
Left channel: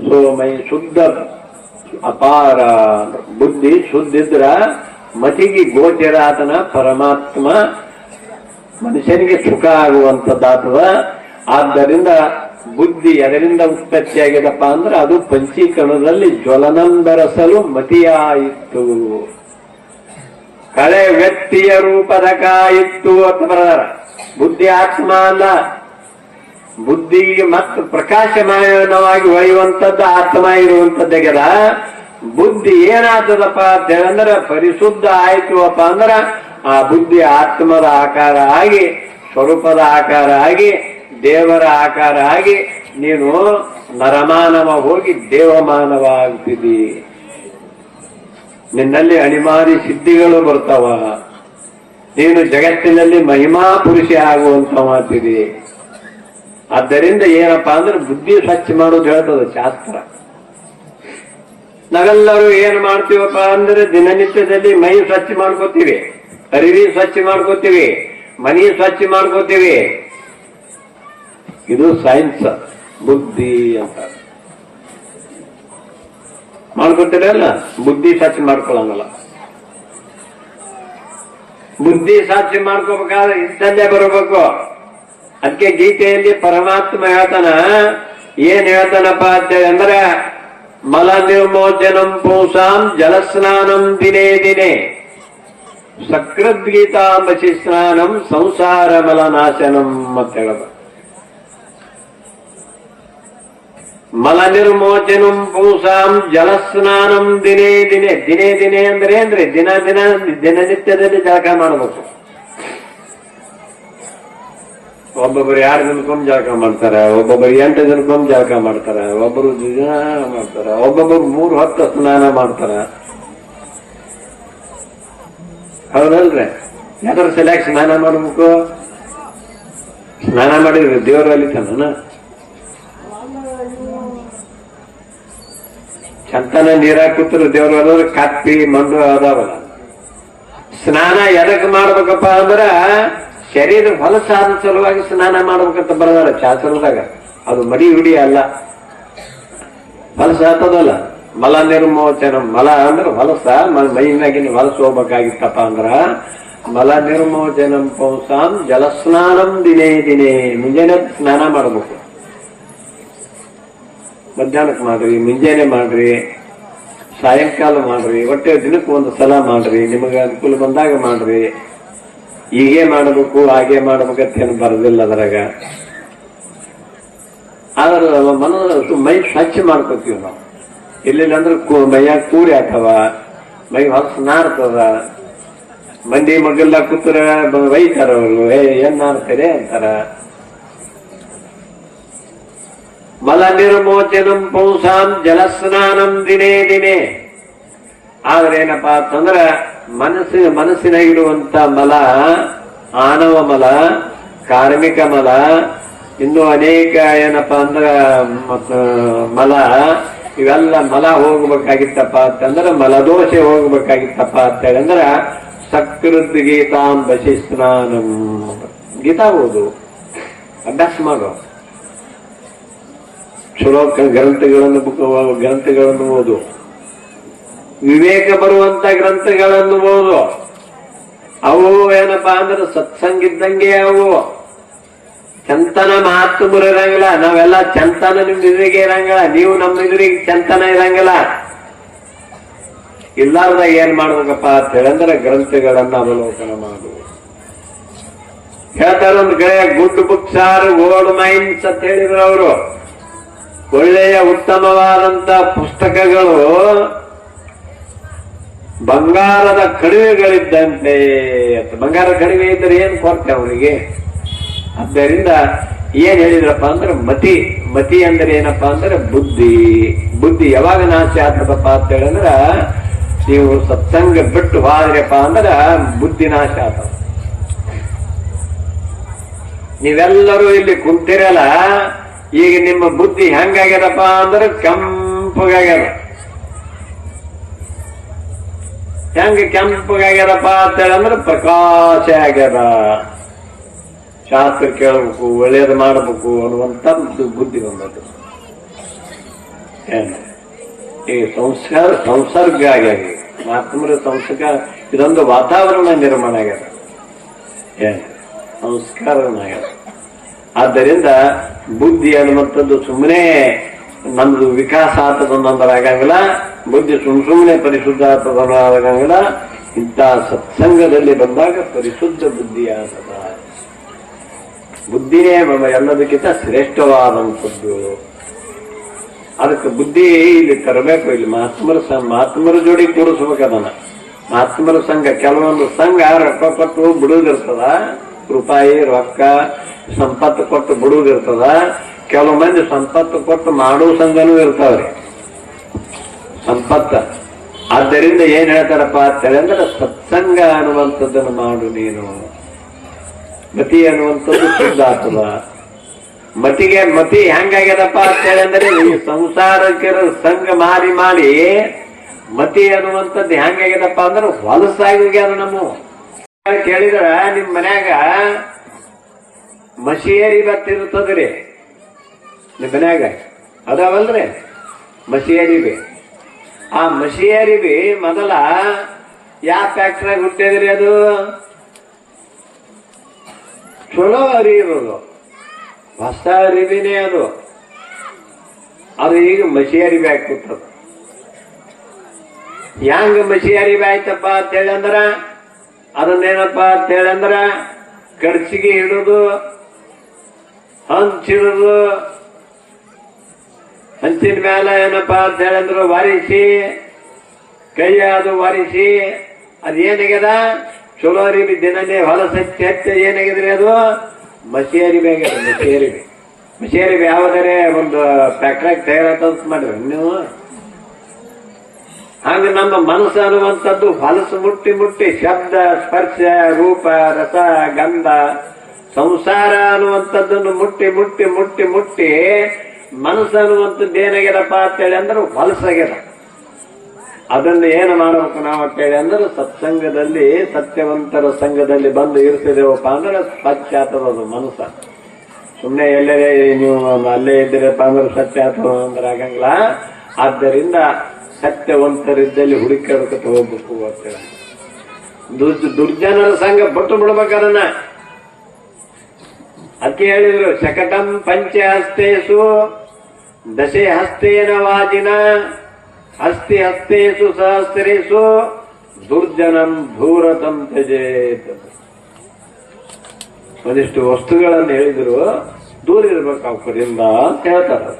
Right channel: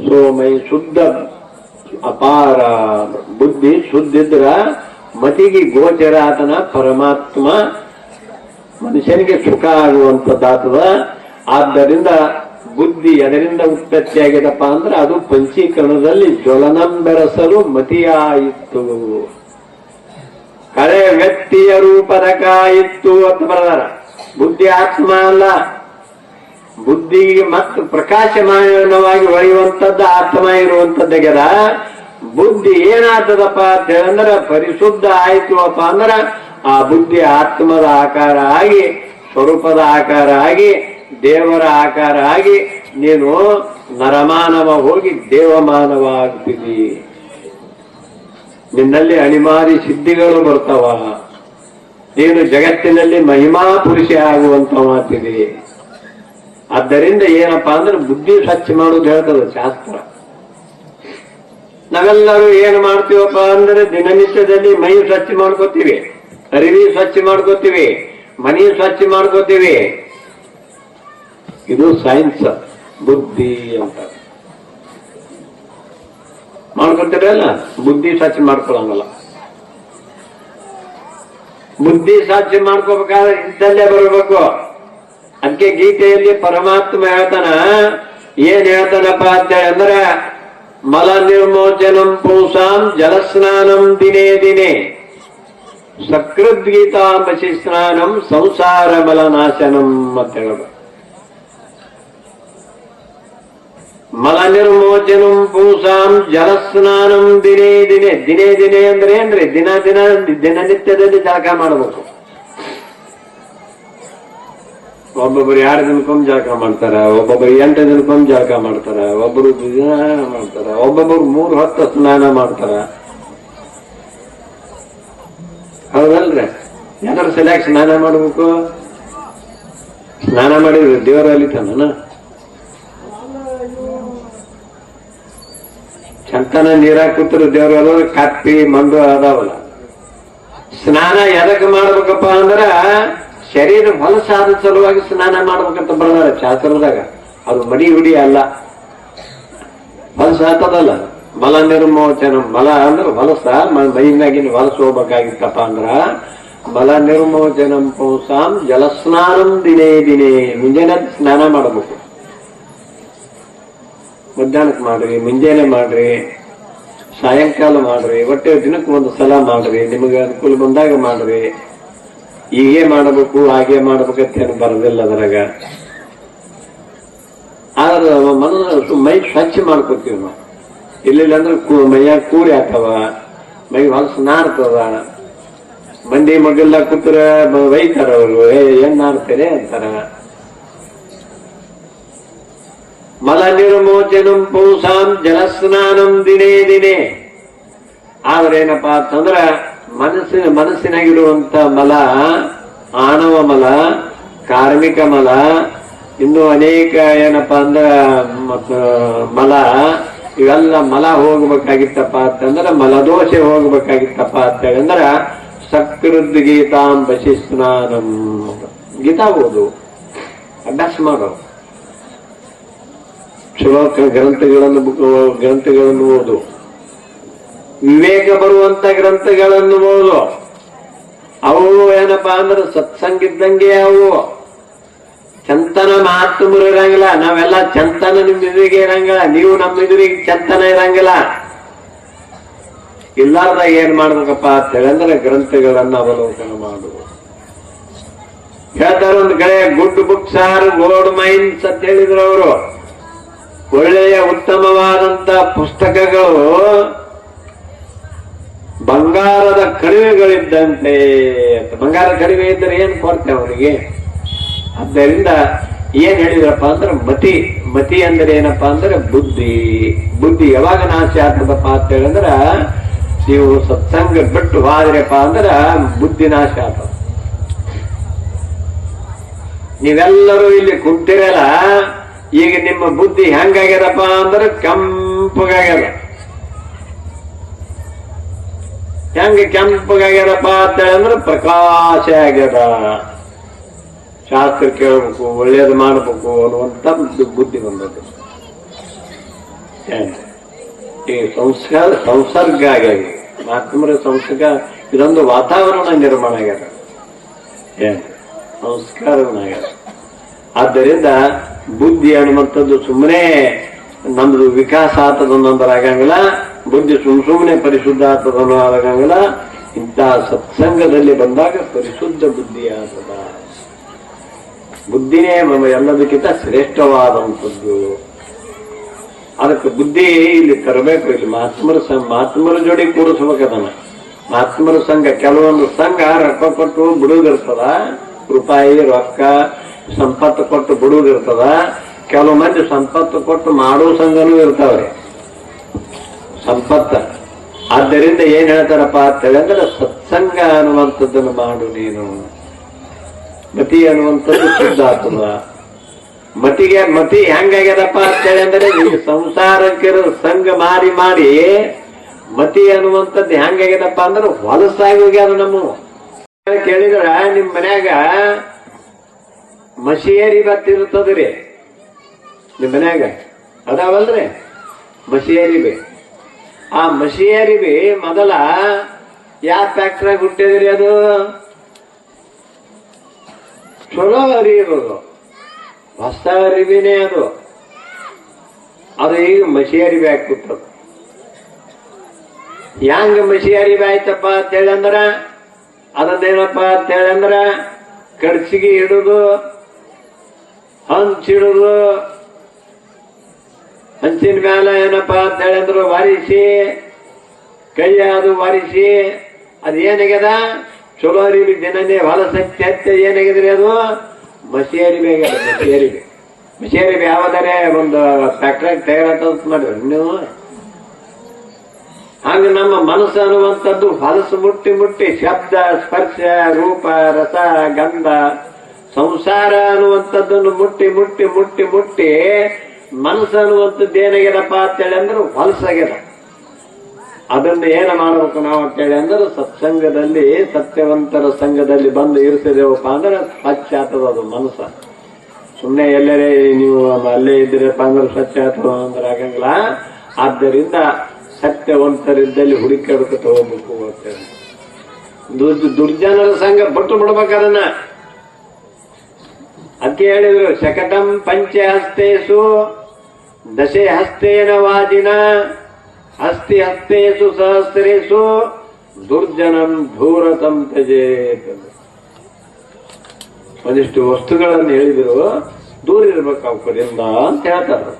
ಸೋಮೈ ಶುದ್ಧ ಅಪಾರ ಬುದ್ಧಿ ಶುದ್ಧಿದ್ರ ಮತಿಗೆ ಗೋಚರ ಆತನ ಪರಮಾತ್ಮ ಮನುಷ್ಯನಿಗೆ ಸುಖ ಆಗುವಂತದ್ದಾತದ ಆದ್ದರಿಂದ ಬುದ್ಧಿ ಎದರಿಂದ ಉತ್ಪತ್ತಿಯಾಗಿದಪ್ಪ ಅಂದ್ರೆ ಅದು ಪಂಚೀಕರಣದಲ್ಲಿ ಜ್ವಲನಂದರಸಲು ಮತಿಯಾಯಿತು. ಕಳೆ ವ್ಯಕ್ತಿಯ ರೂಪದ ಕಾಯಿತ್ತು ಅಂತ ಬರದಾರ. ಬುದ್ಧಿ ಆತ್ಮ ಅಲ್ಲ. ಬುದ್ಧಿಗೆ ಮತ್ತು ಪ್ರಕಾಶಮಾನವಾಗಿ ಒಯ್ಯುವಂಥದ್ದು ಆತ್ಮ ಇರುವಂತದ್ದಾಗ್ಯದ ಬುದ್ಧಿ ಏನಾದದಪ್ಪ ಅಂತ ಹೇಳಂದ್ರೆ ಪರಿಶುದ್ಧ ಆಯ್ತು ಅಪ್ಪ ಅಂದ್ರ ಆ ಬುದ್ಧಿ ಆತ್ಮದ ಆಕಾರ ಆಗಿ, ಸ್ವರೂಪದ ಆಕಾರ ಆಗಿ ದೇವರ ಆಕಾರ ಆಗಿ ನೀನು ನರಮಾನವ ಹೋಗಿ ದೇವಮಾನವ ಆಗ್ತಿದಿ ನಿನ್ನಲ್ಲಿ ಅಣಿಮಾರಿ ಸಿದ್ಧಿಗಳು ಬರ್ತಾವ. ನೀನು ಜಗತ್ತಿನಲ್ಲಿ ಮಹಿಮಾ ಪುರುಷ ಆಗುವಂತವಾಗ್ತಿದಿ ಆದ್ದರಿಂದ ಏನಪ್ಪಾ ಅಂದ್ರೆ ಬುದ್ಧಿ ಸ್ವಚ್ಛ ಮಾಡೋದು ಹೇಳ್ತದ ಶಾಸ್ತ್ರ. ನಾವೆಲ್ಲರೂ ಏನು ಮಾಡ್ತೀವಪ್ಪ ಅಂದ್ರೆ ದಿನನಿತ್ಯದಲ್ಲಿ ಮೈ ಸ್ವಚ್ಛ ಮಾಡ್ಕೋತೀವಿ. ಅರಿವಿ ಸ್ವಚ್ಛ ಮಾಡ್ಕೋತೀವಿ. ಮನಿ ಸ್ವಚ್ಛ ಮಾಡ್ಕೋತೀವಿ. ಇದು ಸೈನ್ಸ್ ಬುದ್ಧಿ ಅಂತ ಮಾಡ್ಕೋತೀರಲ್ಲ ಬುದ್ಧಿ ಸ್ವಚ್ಛ ಮಾಡ್ಕೊಳಂಗಲ್ಲ ಬುದ್ಧಿ ಸ್ವಚ್ಛ ಮಾಡ್ಕೋಬೇಕಾದ್ರೆ ಇದ್ದಲ್ಲೇ ಬರಬೇಕು ಅದಕ್ಕೆ ಗೀತೆಯಲ್ಲಿ ಪರಮಾತ್ಮ ಹೇಳ್ತಾನ ಏನ್ ಹೇಳ್ತಾನಪ್ಪ ಅಂತ ಅಂದ್ರೆ ಮಲ ನಿರ್ಮೋಚನಂ ಪೌಸಾಂ ಜಲಸ್ನಾನಂ ದಿನೇ ದಿನೇ ಸಕೃದ್ಗೀತಾಂಬಸಿ ಸ್ನಾನಂ ಸಂಸಾರ ಮಲನಾಶನಂ ಅಂತ ಹೇಳಬೇಕು ಮಲ ನಿರ್ಮೋಚನಂ ಪೂಸಾಂ ಜಲಸ್ನಾನಂ ದಿನೇ ದಿನೇ ದಿನೇ ದಿನೇ ಅಂದ್ರೆ ಅಂದ್ರೆ ದಿನ ದಿನ ದಿನನಿತ್ಯದಲ್ಲಿ ಜಳಕ ಮಾಡಬೇಕು. ಒಬ್ಬೊಬ್ಬರು ಯಾರು ದಿನಕ್ಕೊಂದು ಜಳಕ ಮಾಡ್ತಾರ? ಒಬ್ಬೊಬ್ಬರು ಎಂಟು ದಿನಕ್ಕೊಂದು ಜಳಕ ಮಾಡ್ತಾರ? ಒಬ್ಬರು ದಿನ ಮಾಡ್ತಾರ? ಒಬ್ಬೊಬ್ಬರು ಮೂರು ಹತ್ತು ಸ್ನಾನ ಮಾಡ್ತಾರ? ಹೌದಲ್ರಿ? ಯಾರು ಸರಿಯಾಗಿ ಸ್ನಾನ ಮಾಡ್ಬೇಕು? ಸ್ನಾನ ಮಾಡಿದ್ರೆ ದೇವರಲ್ಲಿ ಅಲಿತಾನ ಚಂತನ ದೇವ್ರು ಅದಾವ ಕಪ್ಪಿ ಮಂಡು ಅದಾವಲ್ಲ. ಸ್ನಾನ ಎದಕ್ ಮಾಡ್ಬೇಕಪ್ಪ ಅಂದ್ರ ಶರೀರ ಹೊಲಸಾದ ಸಲುವಾಗಿ ಸ್ನಾನ ಮಾಡ್ಬೇಕಂತ ಬರ್ದಾರ ಶಾಸ್ತ್ರದಾಗ. ಅದು ಮಡಿ ಹುಡಿ ಅಲ್ಲ. ಹೊಲಸಾತದಲ್ಲ ಮಲ ನಿರ್ಮೋಚನ, ಮಲ ಅಂದ್ರೆ ಹೊಲಸ ಮೈನಾಗಿ ಮೈನಾಗಿನ ಹೊಲಸ ಹೋಗ್ಬೇಕಾಗಿತ್ತಪ್ಪ ಅಂದ್ರ ಮಲ ನಿರ್ಮೋಚನ ಪೌಸಾಂ ಜಲಸ್ನಾನಂ ದಿನೇ ದಿನೇ ಮುಂಜಾನೆ ಸ್ನಾನ ಮಾಡಬೇಕು. ಮಧ್ಯಾಹ್ನಕ್ಕೆ ಮಾಡ್ರಿ, ಮುಂಜಾನೆ ಮಾಡ್ರಿ, ಸಾಯಂಕಾಲ ಮಾಡ್ರಿ, ಒಟ್ಟೆ ದಿನಕ್ಕೆ ಒಂದು ಸಲ ಮಾಡ್ರಿ, ನಿಮಗೆ ಅನುಕೂಲ ಬಂದಾಗ ಮಾಡ್ರಿ. ಹೀಗೆ ಮಾಡಬೇಕು, ಹಾಗೆ ಮಾಡ್ಬೇಕಂತ ಏನು ಬರೋದಿಲ್ಲ ಅದ್ರಾಗ. ಆದ್ರೆ ಮನ ಮೈ ಸ್ವಚ್ಛ ಮಾಡ್ಕೋತೀವಿ ನಾವು. ಇಲ್ಲಿಲ್ಲ ಅಂದ್ರೆ ಕೂ, ಮೈಯಾಗ ಕೂರಿ ಆಗ್ತಾವ ಮೈ ಹೊಲಸು ನಾರ್ತದ. ಮಂದಿ ಮಗಲ್ಲ ಕೂತ್ರ ಬೈತಾರ ಅವರು. ಏ, ಏನ್ ಮಾಡ್ತಾರೆ ಅಂತಾರ. ಮಲ ನಿರ್ಮೋಚನಂ ಪೌಸಾಂ ಜಲಸ್ನಾನಂ ದಿನೇ ದಿನೇ. ಆದ್ರೆ ಏನಪ್ಪಾ ಅಂತಂದ್ರ ಮನಸ್ಸಿನ ಮನಸ್ಸಿನಾಗಿರುವಂತ ಮಲ ಆನವ ಮಲ, ಕಾರ್ಮಿಕ ಮಲ, ಇನ್ನು ಅನೇಕ ಏನಪ್ಪ ಅಂದ್ರ ಮಲ, ಇವೆಲ್ಲ ಮಲ ಹೋಗ್ಬೇಕಾಗಿತ್ತಪ್ಪ ಅಂತಂದ್ರೆ ಮಲದೋಷ ಹೋಗ್ಬೇಕಾಗಿತ್ತಪ್ಪ ಅಂತ ಹೇಳಂದ್ರ ಸಕೃದ್ ಗೀತಾಂ ಬಶಿಸ್ನಾನಂ ಗೀತಾ ಓದು. ಅಭ್ಯಾಸ ಮಾಡೋ. ಚಲೋ ಕ- ಗ್ರಂಥಗಳನ್ನು ಗ್ರಂಥಗಳನ್ನು ಓದು. ವಿವೇಕ ಬರುವಂತ ಗ್ರಂಥಗಳನ್ನು ಓದು. ಅವು ಏನಪ್ಪಾ ಅಂದ್ರೆ ಸತ್ಸಂಗ ಇದ್ದಂಗೆ ಅವು. ಚಂತನ ಮಾತು ಇರಂಗಿಲ್ಲ. ನಾವೆಲ್ಲ ಚಂತನ ನಿಮ್ ಎದುರಿಗೆ ಇರಂಗಿಲ್ಲ. ನೀವು ನಮ್ಮ ಎದುರಿಗೆ ಚಂತನ ಇರಂಗಿಲ್ಲ. ಇಲ್ಲಾರ್ದ ಏನ್ ಮಾಡ್ಬೇಕಪ್ಪ ಅಂತ ಹೇಳಂದ್ರೆ ಗ್ರಂಥಗಳನ್ನ ಅವಲೋಕನ ಮಾಡು. ಹೇಳ್ತಾರ ಒಂದ್ ಕಡೆ good books are gold mines ಅಂತ ಹೇಳಿದ್ರು ಅವರು. ಒಳ್ಳೆಯ ಉತ್ತಮವಾದಂತ ಪುಸ್ತಕಗಳು ಬಂಗಾರದ ಕಡಿಮೆಗಳಿದ್ದಂತೆ. ಬಂಗಾರ ಕಡಿಮೆ ಇದ್ದರೆ ಏನ್ ಕೊರತೆ ಅವನಿಗೆ? ಆದ್ದರಿಂದ ಏನ್ ಹೇಳಿದ್ರಪ್ಪ ಅಂದ್ರೆ ಮತಿ. ಮತಿ ಅಂದ್ರೆ ಏನಪ್ಪಾ ಅಂದ್ರೆ ಬುದ್ಧಿ. ಬುದ್ಧಿ ಯಾವಾಗ ನಾಶ ಆಗ್ತದಪ್ಪ ಅಂತ ಹೇಳಿದ್ರ ನೀವು ಸತ್ಸಂಗ ಬಿಟ್ಟು ಹೋದ್ರಪ್ಪ ಅಂದ್ರ ಬುದ್ಧಿ ನಾಶ ಆಗ್ತದ. ನೀವೆಲ್ಲರೂ ಇಲ್ಲಿ ಕುಂತಿರಲ್ಲ ಈಗ ನಿಮ್ಮ ಬುದ್ಧಿ ಹೆಂಗಾಗ್ಯದಪ್ಪ ಅಂದ್ರೆ ಕೆಂಪಗಾಗ್ಯದ. ಹೆಂಗ ಕೆಂಪಗಾಗ್ಯದಪ್ಪ ಅಂತ ಹೇಳಂದ್ರೆ ಪ್ರಕಾಶ ಆಗ್ಯದ. ಶಾಸ್ತ್ರ ಕೇಳಬೇಕು, ಒಳ್ಳೇದು ಮಾಡಬೇಕು ಅನ್ನುವಂತ ಬುದ್ಧಿ- ಬಂದದ್ದು. ಈ ಸಂಸ್ಕಾರ ಸಂಸರ್ಗ ಆಗ್ಯದ. ಮಹಾತ್ಮರ ಸಂಸರ್ಗ, ಇದೊಂದು ವಾತಾವರಣ ನಿರ್ಮಾಣ ಆಗ್ಯದ? ಸಂಸ್ಕಾರ ಆಗ್ಯದ. ಆದ್ದರಿಂದ ಬುದ್ಧಿ ಅನ್ನುವಂಥದ್ದು ಸುಮ್ಮನೆ ನಮ್ದು ವಿಕಾಸ ಆಗಂಗಿಲ್ಲ ಬುದ್ಧಿ ಸುಮ್ ಸುಮ್ಮನೆ ಪರಿಶುದ್ಧ ಆತದೊಂದು ಆಗಂಗಿಲ್ಲ ಇಂತಹ ಸತ್ಸಂಗದಲ್ಲಿ ಬಂದಾಗ ಪರಿಶುದ್ಧ ಬುದ್ಧಿ ಆಗ್ತದ ಬುದ್ಧಿಯೇ ನಮ್ಮ ಎಲ್ಲದಕ್ಕಿಂತ ಶ್ರೇಷ್ಠವಾದಂಥದ್ದು. ಅದಕ್ಕೆ ಬುದ್ಧಿ ಇಲ್ಲಿ ತರಬೇಕು, ಇಲ್ಲಿ ಮಹಾತ್ಮರ ಮಹಾತ್ಮರ ಜೋಡಿ ಅದನ್ನ ಮಹಾತ್ಮರ ಸಂಘ, ಕೆಲವೊಂದು ಸಂಘ ರೊಕ್ಕ ಕೊಟ್ಟು ಬಿಡುವುದಿರ್ತದ ರೂಪಾಯಿ, ರೊಕ್ಕ ಸಂಪತ್ತು ಕೊಟ್ಟು ಬಿಡುವುದಿರ್ತದ ಕೆಲವು ಮಂದಿ ಸಂಪತ್ತು ಕೊಟ್ಟು ಮಾಡೋ ಸಂಘನೂ ಇರ್ತಾವ್ರಿ. ಸಂಪತ್ತ. ಆದ್ದರಿಂದ ಏನ್ ಹೇಳ್ತಾರಪ್ಪ ಅಂತ ಹೇಳಿದ್ರೆ ಸತ್ಸಂಗ ಅನ್ನುವಂಥದ್ದನ್ನು ಮಾಡು ನೀನು. ಮತಿ ಅನ್ನುವಂಥದ್ದು ಶುದ್ಧಾತ್ಮ. ಮತಿಗೆ ಮತಿ ಹೆಂಗಾಗ್ಯದಪ್ಪ ಅಂತ ಹೇಳಿದ್ರೆ ಈ ಸಂಸಾರಕರ ಸಂಘ ಮಾರಿ ಮಾರಿ ಮತಿ ಅನ್ನುವಂಥದ್ದು ಹೆಂಗಾಗ್ಯದಪ್ಪ ಅಂದ್ರೆ ಹೊಲಸಾಗಿ ಹೋಗ್ಯಾರ ನಮ್ಮ. ಕೇಳಿದ್ರ? ನಿಮ್ ಮನ್ಯಾಗ ಮಸಿಯರಿ ಬರ್ತಿರುತ್ತದ್ರಿ. ನಿಮ್ ಮನ್ಯಾಗ? ಅದಾವಲ್ರಿ? ಮಸಿಯರಿಬಿ ಆ ಮಸಿಯರಿಬಿ ಮೊದಲ ಯಾವ ಫ್ಯಾಕ್ಟ್ರಿಯಾಗ ಹುಟ್ಟಿದ್ರಿ ಅದು? ಚಲೋ ಇರೋದು ಹೊಸ ಅರಿವಿನೇ ಅದು. ಅದು ಈಗ ಮಸಿ ಅರಿವಿ ಹಾಕ್ಬಿಟ್ಟದು ಹೆಂಗ ಮಸಿ ಅರಿವಿ ಆಯ್ತಪ್ಪ ಅಂತ ಹೇಳಂದ್ರ ಅದನ್ನೇನಪ್ಪ ಅಂತ ಹೇಳಂದ್ರ ಕಡ್ಸಿಗೆ ಹಿಡುದು ಹಂಚಿಡುದು ಹಂಚಿನ ಮ್ಯಾಲ ಏನಪ್ಪ ಅಂತ ಹೇಳಿದ್ರು, ವಾರಿಸಿ ಕೈ ಅದು ವಾರಿಸಿ, ಅದ್ ಏನಾಗ್ಯದ? ಚಲೋ ಅರಿವಿ ದಿನನೇ ಹೊಲಸ ಹಚ್ಚಿ ಏನಾಗಿದ್ರಿ ಅದು? ಮಸಿ ಅರಿವಿ ಆಗ್ಯದ ಮಸಿ ಅರಿವಿ ಮಸಿ ಯಾವ್ದಾರೆ ಒಂದು ಫ್ಯಾಕ್ಟ್ರಿ ತಯಾರಾತ ಮಾಡ್ರಿ ನೀವು? ಹಾಗೆ ನಮ್ಮ ಮನಸ್ಸು ಅನ್ನುವಂಥದ್ದು ಹೊಲಸು ಮುಟ್ಟಿ ಮುಟ್ಟಿ ಶಬ್ದ, ಸ್ಪರ್ಶ, ರೂಪ, ರಸ, ಗಂಧ ಸಂಸಾರ ಅನ್ನುವಂಥದ್ದನ್ನು ಮುಟ್ಟಿ ಮುಟ್ಟಿ ಮುಟ್ಟಿ ಮುಟ್ಟಿ ಮನಸ್ಸು ಅನ್ನುವಂಥದ್ದು ಏನಾಗ್ಯದಪ್ಪ ಅಂತೇಳಿ ಅಂದ್ರೆ ಹೊಲಸಾಗ್ಯದ. ಅದನ್ನು ಏನು ಮಾಡಬೇಕು ನಾವು ಅಂತೇಳಿ ಅಂದ್ರೆ ಸತ್ಸಂಗದಲ್ಲಿ, ಸತ್ಯವಂತರ ಸಂಘದಲ್ಲಿ ಬಂದು ಇರಿಸಿದೇವಪ್ಪ ಅಂದ್ರೆ ಸ್ವಚ್ಛ ಆತದ ಅದು ಮನಸ್ಸ. ಸುಮ್ಮನೆ ಎಲ್ಲರೇ ನೀವು ಅಲ್ಲೇ ಇದ್ದೀರಪ್ಪ ಅಂದ್ರೆ ಸತ್ಯಾತ ಆಗ್ತದ ಅಂದ್ರೆ ಆಗಂಗಿಲ್ಲ. ಆದ್ದರಿಂದ ಸತ್ಯವಂತರಿದ್ದಲ್ಲಿ ಹುಡುಕಾಡಕತ್ತ ಹೋಗ್ಬೇಕು ಅಂತೇಳಿ. ದುರ್- ದುರ್ಜನರ ಸಂಘ ಬಿಟ್ಟು ಬಿಡ್ಬೇಕು ಅದನ್ನ. ಅತಿ ಹೇಳಿದ್ರು, ಶಕಟಂ ಪಂಚಹಸ್ತೇಸು ದಶೆ ಹಸ್ತೇನ ವಾದಿನ, ಹಸ್ತಿ ಹಸ್ತೇಸು ಸಹಸ್ರೇಸು ದುರ್ಜನಂ ಧೂರತಂ ತ್ಯಜೇತ್. ಒಂದಿಷ್ಟು ವಸ್ತುಗಳನ್ನು ಹೇಳಿದ್ರು, ದೂರ ಇರಬೇಕು ಅವರಿಂದ ಅಂತ ಹೇಳ್ತಾರೆ.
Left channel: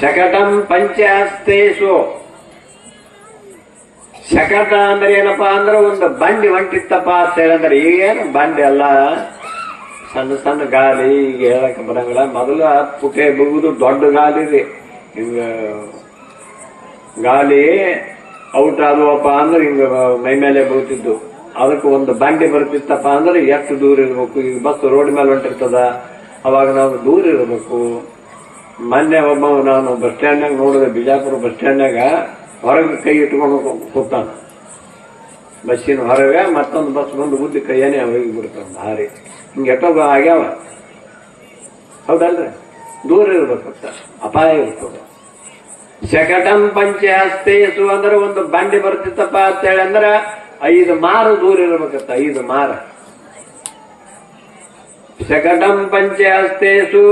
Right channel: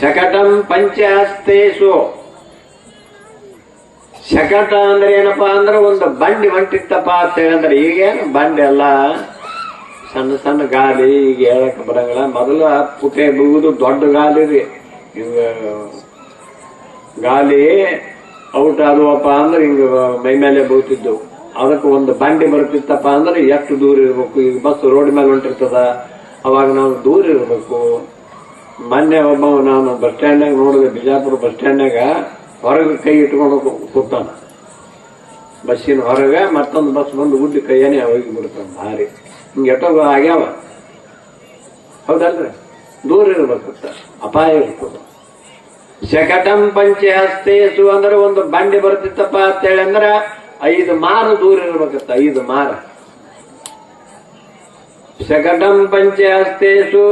ಶಕಟಂ ಪಂಚಹಸ್ತೇಸು. ಶಕಟ ಅಂದ್ರೆ ಏನಪ್ಪಾ ಅಂದ್ರೆ ಒಂದು ಬಂಡಿ ಹೊಂಟಿತ್ತಪ್ಪ ಅಂತ ಹೇಳಿದ್ರೆ ಈಗೇನು ಬಂಡಿ ಅಲ್ಲ. ಸಣ್ಣ ಸಣ್ಣ ಗಾಳಿ ಈಗ ಹೇಳಕ್ ಬರಂಗಿಲ್ಲ. ಮೊದಲು ಹತ್ತು ಮುಗಿದು ದೊಡ್ಡ ಗಾಲಿ ರೀ ಹಿಂಗ ಗಾಲಿ ಔಟ್ ಆದವಪ್ಪ ಅಂದ್ರೆ ಹಿಂಗ ಮೈ ಮೇಲೆ ಬೀಳ್ತಿದ್ದು. ಅದಕ್ಕೆ ಒಂದು ಬಂಡಿ ಬರ್ತಿತ್ತಪ್ಪ ಅಂದ್ರೆ ಎಷ್ಟು ದೂರ ಇರ್ಬೇಕು? ಈಗ ಬಸ್ ರೋಡ್ ಮೇಲೆ ಹೊಂಟಿರ್ತದ. ಅವಾಗ ನಾವು ದೂರ ಇರಬೇಕು. ಮೊನ್ನೆ ಒಬ್ಬ ನಾನು ಬಸ್ ಸ್ಟ್ಯಾಂಡ್ನಾಗ ನೋಡಿದೆ, ಬಿಜಾಪುರ ಬಸ್ ಸ್ಟ್ಯಾಂಡ್ನಾಗ ಹೊರಗೆ ಕೈ ಇಟ್ಕೊಂಡು ಕೂ- ಕೂತಾನ ಬಸ್ಸಿನ ಹೊರಗೆ ಮತ್ತೊಂದು ಬಸ್ ಬಂದು ಉದ್ದಿ ಕೈಯನೇ ಹೋಗಿ ಬಿಡ್ತಾನೆ ಭಾರಿ. ಎಷ್ಟೋ ಆಗ್ಯಾವ. ಹೌದಲ್ರಿ? ದೂರ ಇರ್ಬೇಕಂತ ಅಪಾಯ ಇರ್ತದ. ಶಕಟಂ ಪಂಚಹಸ್ತೇಸು ಅಂದ್ರೆ ಒಂದು ಬಂಡಿ ಬರ್ತಿತ್ತಪ್ಪ ಅಂತ ಹೇಳಿ ಅಂದ್ರೆ ಐದು ಮಾರು ದೂರ ಇರ್ಬೇಕತ್ತ ಐದು ಮಾರ. ಶಕಟಂ ಪಂಚೆ ಹಸ್ತೇಸು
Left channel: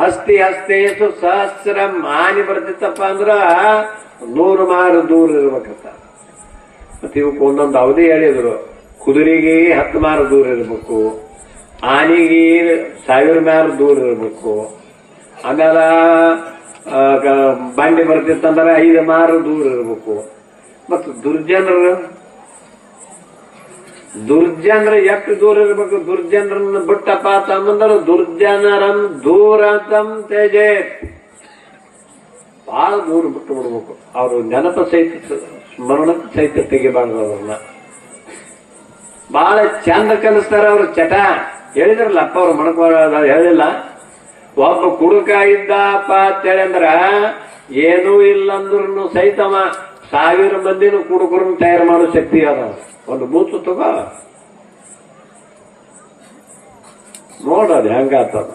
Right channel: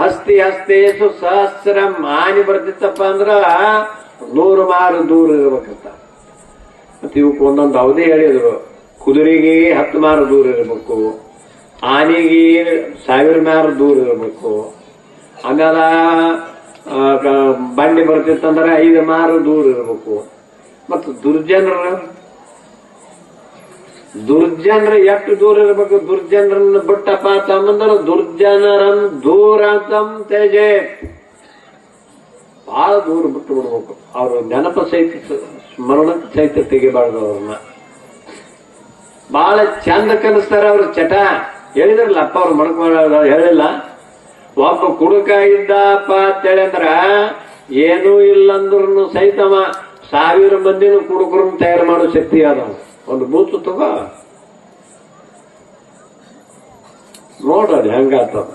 ಹಸ್ತಿ ಹಸ್ತೇಸು ಸಹಸ್ರ ಮಾನಿ ಬರ್ತಿತ್ತಪ್ಪ ಅಂದ್ರ ನೂರು ಮಾರು ದೂರ ಇರ್ಬೇಕತ್ತ ಮತ್ತೆ ಇವಕ್ಕೆ ಒಂದೊಂದು ಅವಧಿ ಹೇಳಿದ್ರು, ಕುದುರೆಗೆ ಹತ್ತು ಮಾರು ದೂರ ಇರಬೇಕು. ಆನಿಗೆ ಸಾವಿರ ಮಾರು ದೂರ ಇರಬೇಕು. ಆಮೇಲೆ ಬಂಡಿ ಬರ್ತಿತ್ತಂದ್ರೆ ಐದು ಮಾರು ದೂರ ಇರಬೇಕು. ಮತ್ತು ದುರ್ಜನರು ದುರ್ಜನರು ಎಷ್ಟು ದೂರ ಇರಬೇಕು? ದುರ್ಜನರನ್ನ ಬಿಟ್ಟಪ್ಪ ಅಂತಂದ್ರೆ ದುರ್ಜನರಂ ದೂರಂತಂ ತೇಜೆ. ಬಹಳ ದೂರ ಬಿಟ್ಟು ಬಿಡ್ಬೇಕು. ಅವರು ನೆನಪ ಸಹಿತ ಸ್ಮರಣ ಸಹಿತ ತೆಗಿಬಾರ್ದು ಅವ್ರನ್ನ. ಬಹಳ ಚಂದ ಕಲಿಸ್ತಾರ ಅವ್ರ ಚಟ. ಹೇಳಿದ್ರಲ್ಲ, ಅಪ್ಪ ಅವ್ರು ಮಣಕೊಳ್ಳೋದ ಹೇಳಿಲ್ಲ. ಒಬ್ಬ ಕುಡುಕ ಇದ್ದಪ್ಪ ಅಂತೇಳಿ ಅಂದ್ರ, ಏನೂ ಇಲ್ಲಂದ್ರೂ ಸಹಿತವ ಸಾವಿರ ಮಂದಿನೂ ಕುಡುಕರು ತಯಾರು ಮಾಡೋ ಶಕ್ತಿ ಅದಾವ ಒಂದು ಬೂತು ತಗೋ. ನೋಡೋದು ಹೆಂಗಾತದ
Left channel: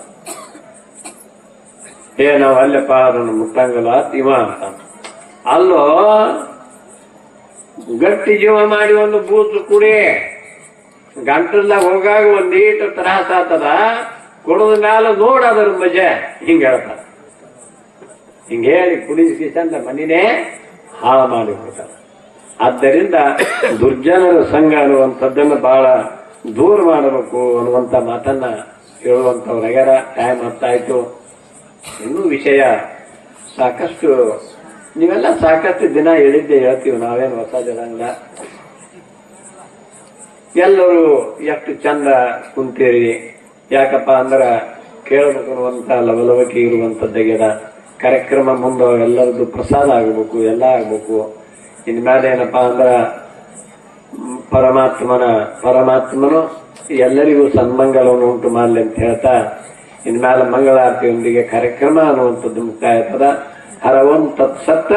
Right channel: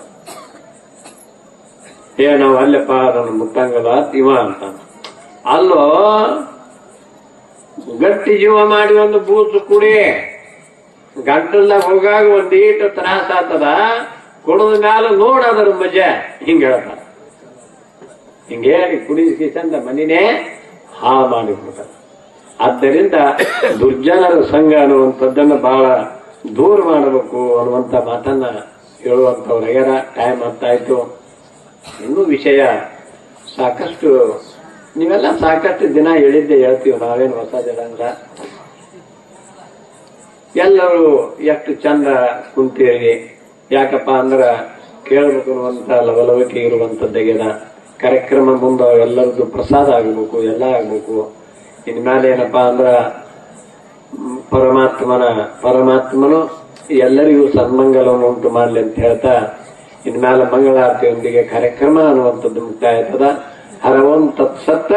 ಏ, ನಾವು ಅಲ್ಲಪ್ಪ ಅದನ್ನು ಮುಟ್ಟಂಗಲ್ಲ, ಇವ ಅಂತ. ಅಲ್ಲೋ, ಗಟ್ಟಿ ಜೀವ ಮಾಡಿ ಒಂದು ಬೂತು ಕುಡಿ. ಗಂಟಲ್ದಾಗ ಹೋಗಾಗ ಒಂದ್ ಈಟು ತ್ರಾಸ ಆತದ ಕುಡದ ಮ್ಯಾಲ ನೋಡೋದ್ರ ಮಜೆ. ಹಿಂಗ ಹೇಳ್ತಾರ. ಹಿಂಗ ಹೇಳಿ ಕುಡಿಸಿ ಚಂದ ಮನಿನೇ ಹಾ ಮಾಡಿಬಿಡ್ತಾರ ಆದ್ದರಿಂದ ದುರ್ಜನರ ಸಂಘ ಅನ್ನುವಂಥದ್ದನ್ನು ಬಹಳ ದೂರ ಮಾಡಬೇಕು ಅನ್ನುವಂಥ ಮಾತನ್ನ ಹೇಳುವಂಥವ್ರು ಆಗ್ಯಾರ. ಟೈಮ್ ಹೊತ್ತಾಯ್ತು. ಇನ್ನೂ ವಿಷಯ ಸಾಕಷ್ಟು, ನೀವೆಲ್ಲ ಸಾಕಷ್ಟು ದಿನ ಹೇಳಿದ್ದೆ ಹೇಳ್ತೀವಿ. ನಾವೇನು ಹೊಸ ಜನಾಂಗ. ಎಲ್ಲರೂ ಎಷ್ಟು ಚಂದ ಕುಂತೇರಿ. ಯಾಕಪ್ಪ ಅಂದ್ರೆ ಕೇಳಬೇಕು ಅನ್ನುವಂತ ಲವಲವಿಕೆ ಇರುವಂತದ್ದಾಗ್ಯದ ಕಾರ್ಯಕ್ರಮ ಮುಂದೆ ಎಲ್ಲರದ್ದು ಪ್ರಸಾದ ಆಗಬೇಕು, ಎಲ್ಲ ಆಗಬೇಕು. ಇನ್ಮೇಲೆ ಏನಪ್ಪಾ ಅಂದ್ರ ಪರಮಾತ್ಮನ, ಪರಮಾತ್ಮನು ಎಲ್ಲರಿಗೂ ಸನ್ಮಂಗಲವನ್ನು ಉಂಟು ಮಾಡಲಿ ಅಂತ ಹೇಳ್ತಾ, ಇನ್ಮೇಲೆ ಮಂಗಳಾರತಿಯೊಂದಿಗೆ ಕಾರ್ಯಕ್ರಮ ಅನ್ನುವಂಥದ್ದು ಮುಕ್ತಾಯ ಆಗ್ತದ ಹರವಂ ತತ್ಸತ್ತ